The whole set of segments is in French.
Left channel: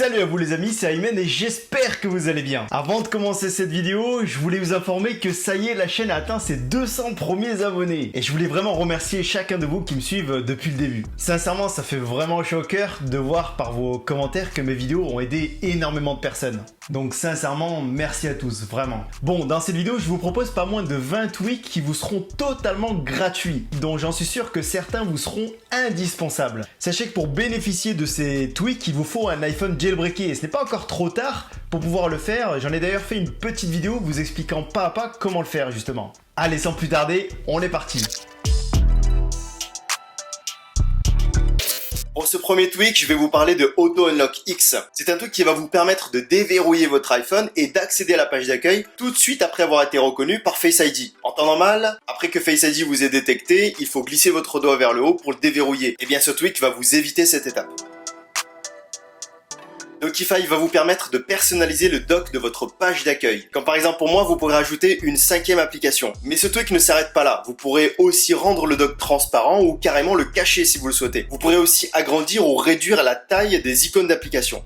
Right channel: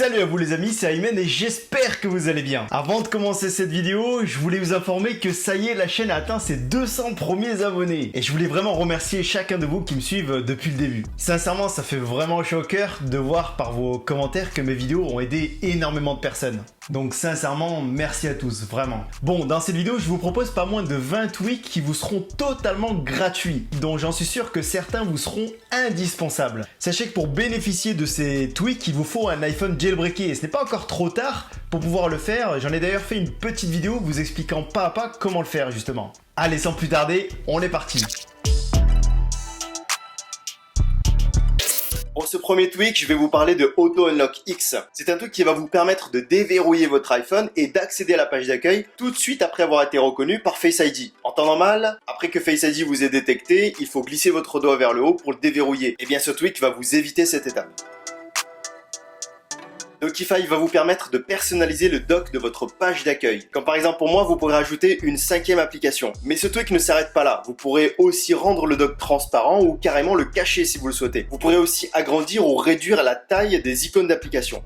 Salut à vous les amis, c'est Ayman et j'espère que vous allez bien. Avant de commencer cette vidéo, je voulais vous informer que ça y est, la chaîne a atteint ses 200 premiers abonnés. Et je voulais vraiment remercier chacun de vous qui me suivent depuis le début. Sincèrement, ça fait vraiment chaud au cœur de voir par vos commentaires que mes vidéos ont aidé énormément de personnes. Donc sincèrement, merci à tous, vraiment. Bon, dans cette vidéo, je vous propose pas moins de 20 tweaks qui vous seront totalement gratuits, dont j'en suis sûr que certains vous seront indispensables. Sachez que pour bénéficier de ces tweaks, il vous faut un iPhone jailbreaké et ce n'est pas encore trop tard pour pouvoir le faire. J'en ai d'ailleurs fait une petite vidéo vous expliquant pas à pas comment le faire justement. Allez, sans plus tarder, on est parti. Pour ce premier tweak, je vais vous parler de Auto Unlock X. C'est un truc qui va vous permettre de déverrouiller votre iPhone et d'accéder à la page d'accueil tout de suite après avoir été reconnu par Face ID. En temps normal, après que Face ID vous ait détecté, il faut glisser votre doigt vers le haut pour le déverrouiller. Et bien ce tweak va vous éviter cette étape. Docify va vous permettre de personnaliser le dock de votre page d'accueil. Comme par exemple pour moi, vous pourrez ajouter une 5e application. Mais ce tweak ne s'arrête pas là. Vous pourrez aussi rendre le dock transparent ou carrément le cacher si vous le souhaitez. Vous pourrez aussi agrandir ou réduire la taille des icônes d'application.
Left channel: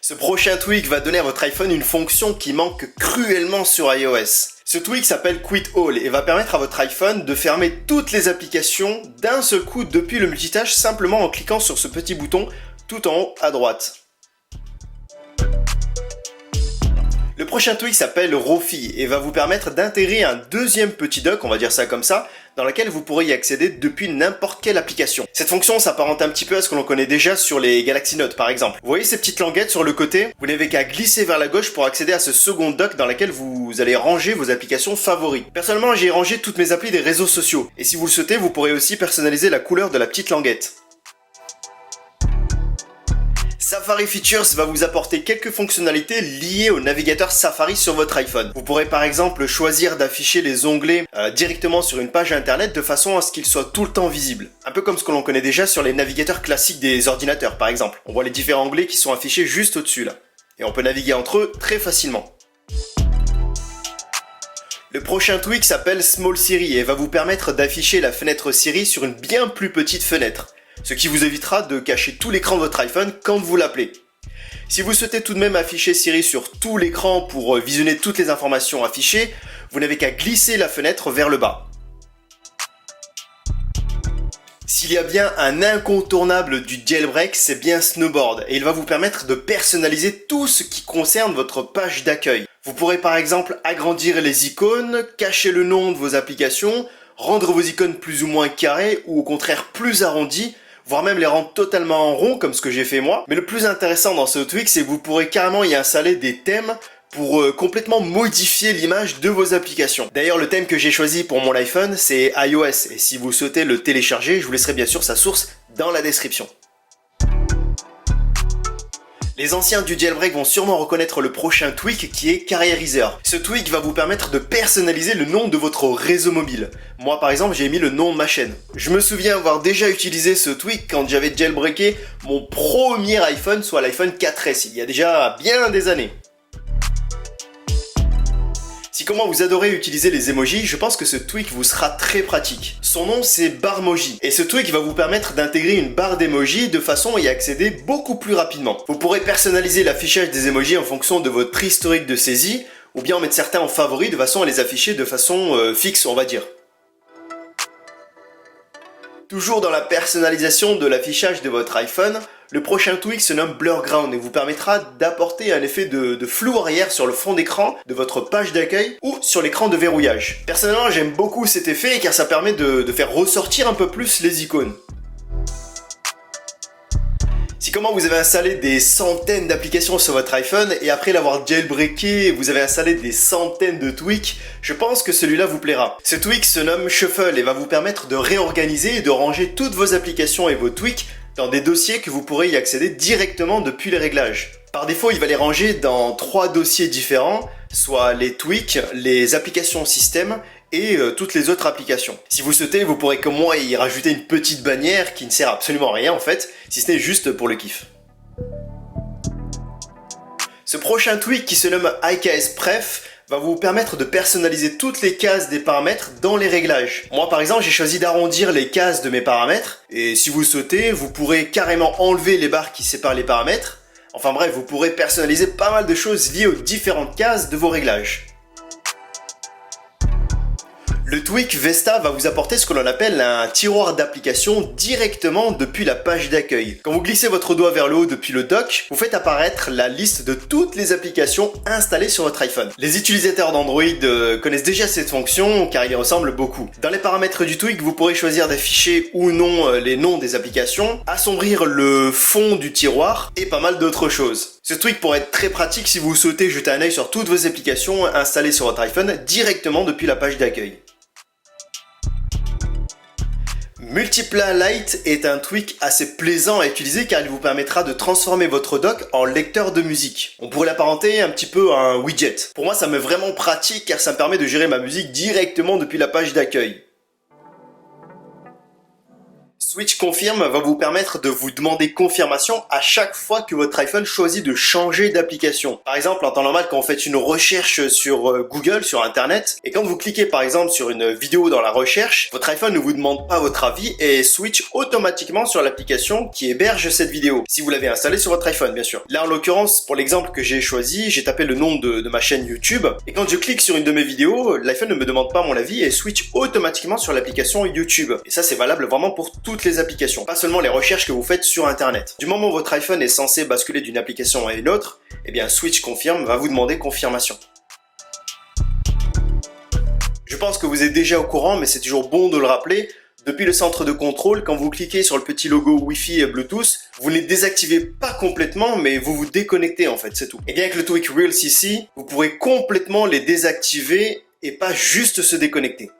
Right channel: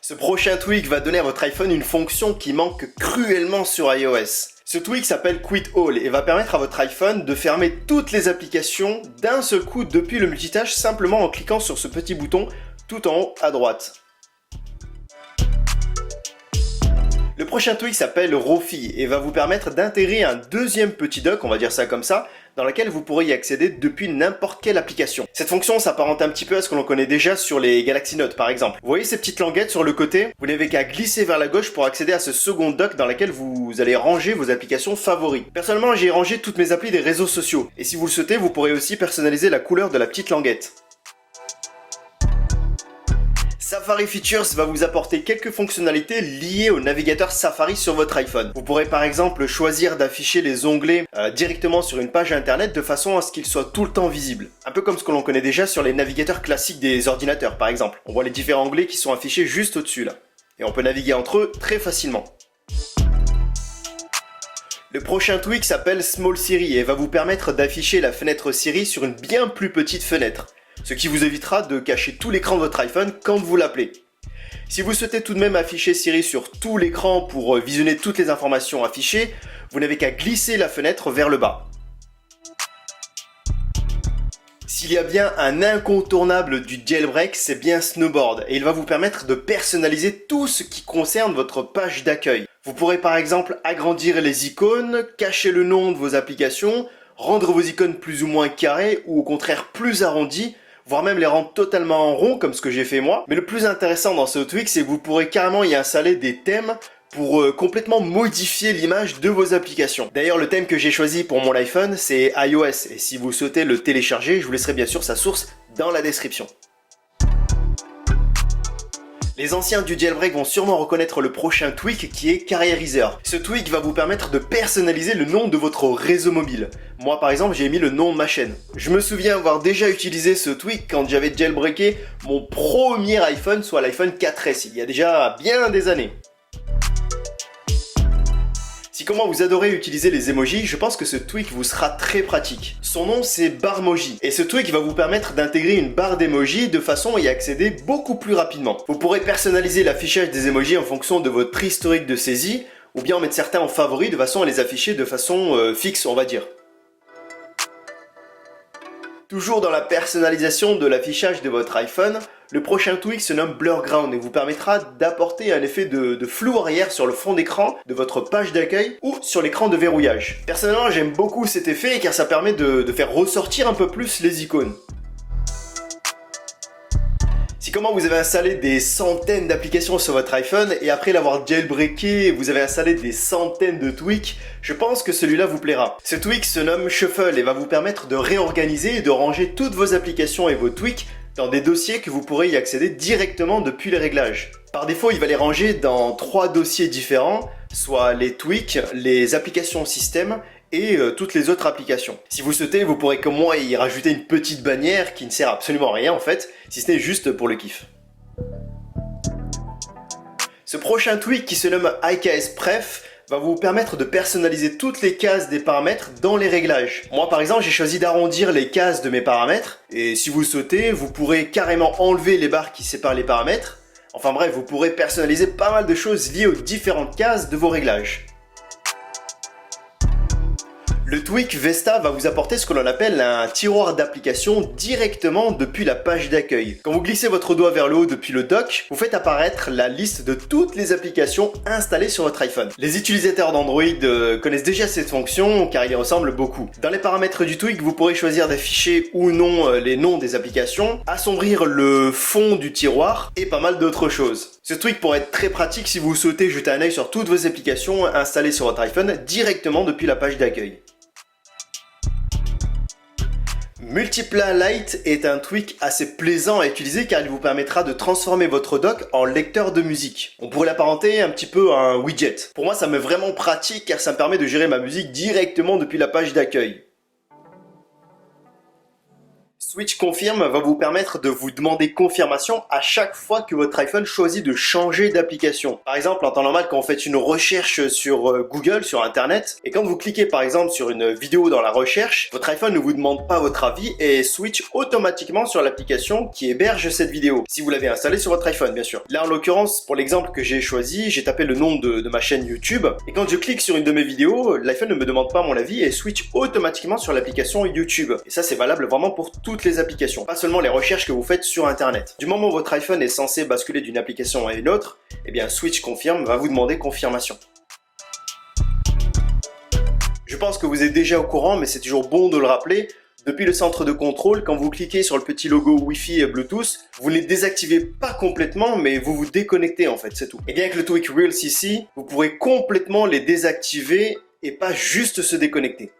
Ce prochain tweak va donner à votre iPhone une fonction qui manque cruellement sur iOS. Ce tweak s'appelle Quit All et va permettre à votre iPhone de fermer toutes les applications d'un seul coup depuis le multitâche simplement en cliquant sur ce petit bouton tout en haut à droite. Le prochain tweak s'appelle Rofi et va vous permettre d'intégrer un deuxième petit dock, on va dire ça comme ça, dans lequel vous pourrez y accéder depuis n'importe quelle application. Cette fonction s'apparente un petit peu à ce que l'on connaît déjà sur les Galaxy Note par exemple. Vous voyez ces petites languettes sur le côté? Vous n'avez qu'à glisser vers la gauche pour accéder à ce second dock dans lequel vous allez ranger vos applications favorites. Personnellement, j'ai rangé toutes mes applis des réseaux sociaux. Et si vous le souhaitez, vous pourrez aussi personnaliser la couleur de la petite languette. Safari Features va vous apporter quelques fonctionnalités liées au navigateur Safari sur votre iPhone. Vous pourrez par exemple choisir d'afficher les onglets directement sur une page internet de façon à ce qu'ils soient tout le temps visibles. Un peu comme ce que l'on connaît déjà sur les navigateurs classiques des ordinateurs par exemple. On voit les différents onglets qui sont affichés juste au-dessus là. Et on peut naviguer entre eux très facilement. Le prochain tweak s'appelle Small Siri et va vous permettre d'afficher la fenêtre Siri sur une bien plus petite fenêtre. Ce qui vous évitera de cacher tout l'écran de votre iPhone quand vous l'appelez. Si vous souhaitez tout de même afficher Siri sur tout l'écran pour visionner toutes les informations affichées, vous n'avez qu'à glisser la fenêtre vers le bas. S'il y a bien un incontournable du jailbreak, c'est bien Snowboard et il va vous permettre de personnaliser tout ce qui concerne votre page d'accueil. Vous pourrez par exemple agrandir les icônes, cacher le nom de vos applications, rendre vos icônes plus ou moins carrées ou au contraire plus arrondies, voire même les rendre totalement en rond comme ce que j'ai fait moi. Mais le plus intéressant dans ce tweak, c'est que vous pourrez carrément y installer des thèmes pour complètement modifier l'image de vos applications. D'ailleurs, le thème que j'ai choisi pour mon iPhone, c'est iOS. Et si vous souhaitez le télécharger, je vous laisserai bien sûr sa source dans la description. Les anciens du jailbreak vont sûrement reconnaître le prochain tweak qui est Carrierizer. Ce tweak va vous permettre de personnaliser le nom de votre réseau mobile. Moi par exemple j'ai mis le nom de ma chaîne. Je me souviens avoir déjà utilisé ce tweak quand j'avais jailbreaké mon premier iPhone, soit l'iPhone 4S, il y a déjà bien des années. Si comme moi vous adorez utiliser les emojis, je pense que ce tweak vous sera très pratique. Son nom c'est Barmoji et ce tweak va vous permettre d'intégrer une barre d'emojis de façon à y accéder beaucoup plus rapidement. Vous pourrez personnaliser l'affichage des emojis en fonction de votre historique de saisie ou bien en mettre certains en favori de façon à les afficher de façon fixe on va dire. Toujours dans la personnalisation de l'affichage de votre iPhone, le prochain tweak se nomme Blurground et vous permettra d'apporter un effet de flou arrière sur le fond d'écran de votre page d'accueil ou sur l'écran de verrouillage. Personnellement, j'aime beaucoup cet effet car ça permet de faire ressortir un peu plus les icônes. Si comment vous avez installé des centaines d'applications sur votre iPhone et après l'avoir jailbreaké, vous avez installé des centaines de tweaks, je pense que celui-là vous plaira. Ce tweak se nomme Shuffle et va vous permettre de réorganiser et de ranger toutes vos applications et vos tweaks dans des dossiers que vous pourrez y accéder directement depuis les réglages. Par défaut, il va les ranger dans 3 dossiers différents, soit les tweaks, les applications système et toutes les autres applications. Si vous souhaitez, vous pourrez comme moi y rajouter une petite bannière qui ne sert absolument à rien en fait, si ce n'est juste pour le kiff. Ce prochain tweak qui se nomme IKS Pref va vous permettre de personnaliser toutes les cases des paramètres dans les réglages. Moi par exemple j'ai choisi d'arrondir les cases de mes paramètres et si vous souhaitez vous pourrez carrément enlever les barres qui séparent les paramètres. Enfin bref, vous pourrez personnaliser pas mal de choses liées aux différentes cases de vos réglages. Le tweak Vesta va vous apporter ce que l'on appelle un tiroir d'application directement depuis la page d'accueil. Quand vous glissez votre doigt vers le haut depuis le dock, vous faites apparaître la liste de toutes les applications installées sur votre iPhone. Les utilisateurs d'Android connaissent déjà cette fonction car il y ressemble beaucoup. Dans les paramètres du tweak, vous pourrez choisir d'afficher ou non les noms des applications, assombrir le fond du tiroir et pas mal d'autres choses. Ce tweak pourrait être très pratique si vous souhaitez jeter un œil sur toutes vos applications installées sur votre iPhone directement depuis la page d'accueil. Multipla Lite est un tweak assez plaisant à utiliser car il vous permettra de transformer votre dock en lecteur de musique. On pourrait l'apparenter un petit peu à un widget. Pour moi ça m'est vraiment pratique car ça me permet de gérer ma musique directement depuis la page d'accueil. Switch Confirm va vous permettre de vous demander confirmation à chaque fois que votre iPhone choisit de changer d'application. Par exemple, en temps normal, quand vous faites une recherche sur Google, sur Internet, et quand vous cliquez par exemple sur une vidéo dans la recherche, votre iPhone ne vous demande pas votre avis et switch automatiquement sur l'application qui héberge cette vidéo. Si vous l'avez installée sur votre iPhone, bien sûr. Là, en l'occurrence, pour l'exemple que j'ai choisi, j'ai tapé le nom de ma chaîne YouTube, et quand je clique sur une de mes vidéos, l'iPhone ne me demande pas mon avis et switch automatiquement sur l'application YouTube. Et ça, c'est valable vraiment pour toutes les applications, pas seulement les recherches que vous faites sur Internet. Du moment où votre iPhone est censé basculer d'une application à une autre, eh bien Switch Confirm va vous demander confirmation. Je pense que vous êtes déjà au courant, mais c'est toujours bon de le rappeler. Depuis le centre de contrôle, quand vous cliquez sur le petit logo Wi-Fi et Bluetooth, vous ne les désactivez pas complètement, mais vous vous déconnectez en fait, c'est tout. Et bien avec le tweak Real CC, vous pourrez complètement les désactiver et pas juste se déconnecter.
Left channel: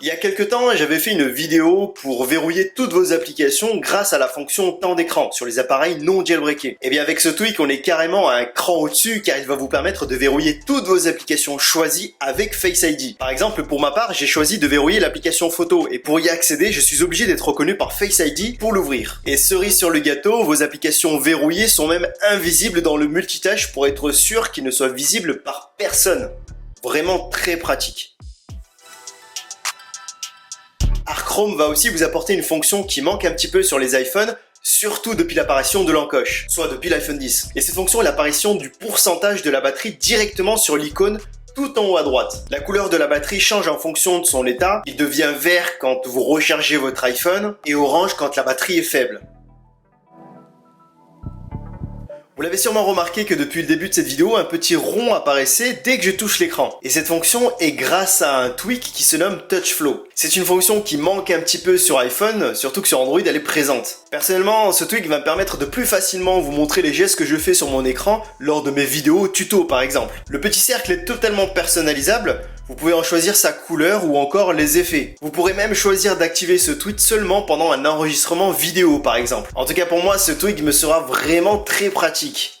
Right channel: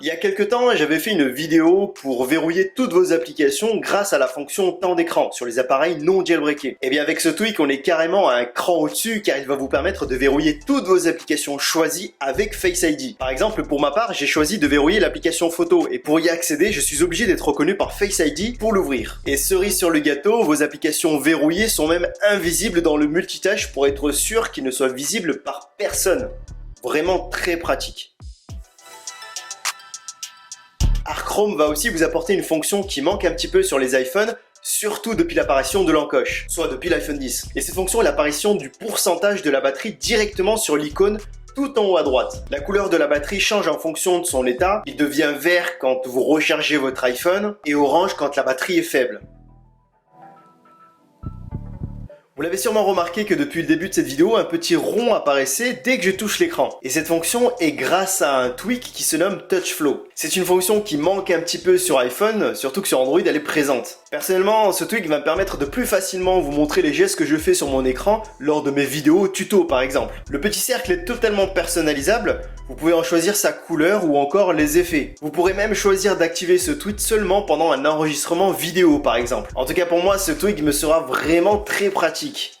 Il y a quelques temps, j'avais fait une vidéo pour verrouiller toutes vos applications grâce à la fonction temps d'écran sur les appareils non jailbreakés. Et bien avec ce tweak, on est carrément à un cran au-dessus car il va vous permettre de verrouiller toutes vos applications choisies avec Face ID. Par exemple, pour ma part, j'ai choisi de verrouiller l'application photo et pour y accéder, je suis obligé d'être reconnu par Face ID pour l'ouvrir. Et cerise sur le gâteau, vos applications verrouillées sont même invisibles dans le multitâche pour être sûr qu'ils ne soient visibles par personne. Vraiment très pratique. Chrome va aussi vous apporter une fonction qui manque un petit peu sur les iPhones, surtout depuis l'apparition de l'encoche, soit depuis l'iPhone 10. Et cette fonction est l'apparition du pourcentage de la batterie directement sur l'icône tout en haut à droite. La couleur de la batterie change en fonction de son état, il devient vert quand vous rechargez votre iPhone et orange quand la batterie est faible. Vous l'avez sûrement remarqué que depuis le début de cette vidéo, un petit rond apparaissait dès que je touche l'écran. Et cette fonction est grâce à un tweak qui se nomme TouchFlow. C'est une fonction qui manque un petit peu sur iPhone, surtout que sur Android elle est présente. Personnellement, ce tweak va me permettre de plus facilement vous montrer les gestes que je fais sur mon écran lors de mes vidéos tuto par exemple. Le petit cercle est totalement personnalisable, vous pouvez en choisir sa couleur ou encore les effets. Vous pourrez même choisir d'activer ce tweak seulement pendant un enregistrement vidéo par exemple. En tout cas pour moi, ce tweak me sera vraiment très pratique.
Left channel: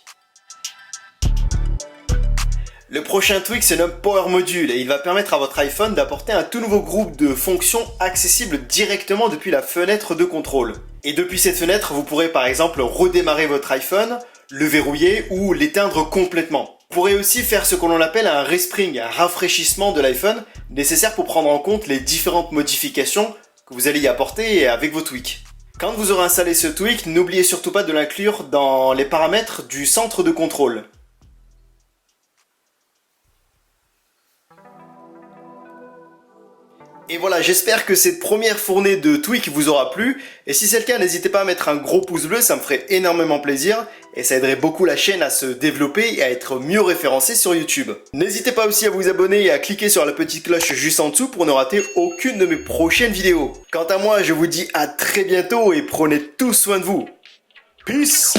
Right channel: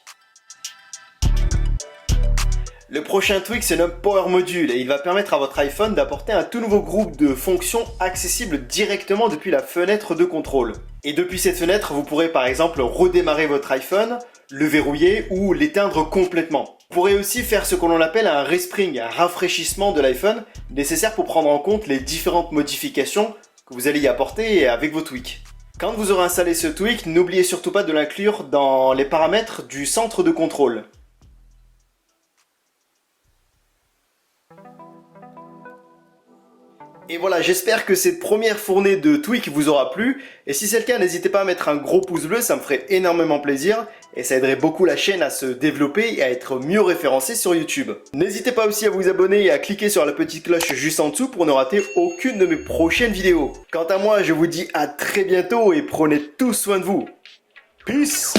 Le prochain tweak se nomme Power Module et il va permettre à votre iPhone d'apporter un tout nouveau groupe de fonctions accessibles directement depuis la fenêtre de contrôle. Et depuis cette fenêtre, vous pourrez par exemple redémarrer votre iPhone, le verrouiller ou l'éteindre complètement. Vous pourrez aussi faire ce que l'on appelle un respring, un rafraîchissement de l'iPhone, nécessaire pour prendre en compte les différentes modifications que vous allez y apporter avec vos tweaks. Quand vous aurez installé ce tweak, n'oubliez surtout pas de l'inclure dans les paramètres du centre de contrôle. Et voilà, j'espère que cette première fournée de tweaks vous aura plu. Et si c'est le cas, n'hésitez pas à mettre un gros pouce bleu, ça me ferait énormément plaisir. Et ça aiderait beaucoup la chaîne à se développer et à être mieux référencée sur YouTube. N'hésitez pas aussi à vous abonner et à cliquer sur la petite cloche juste en dessous pour ne rater aucune de mes prochaines vidéos. Quant à moi, je vous dis à très bientôt et prenez tous soin de vous. Peace!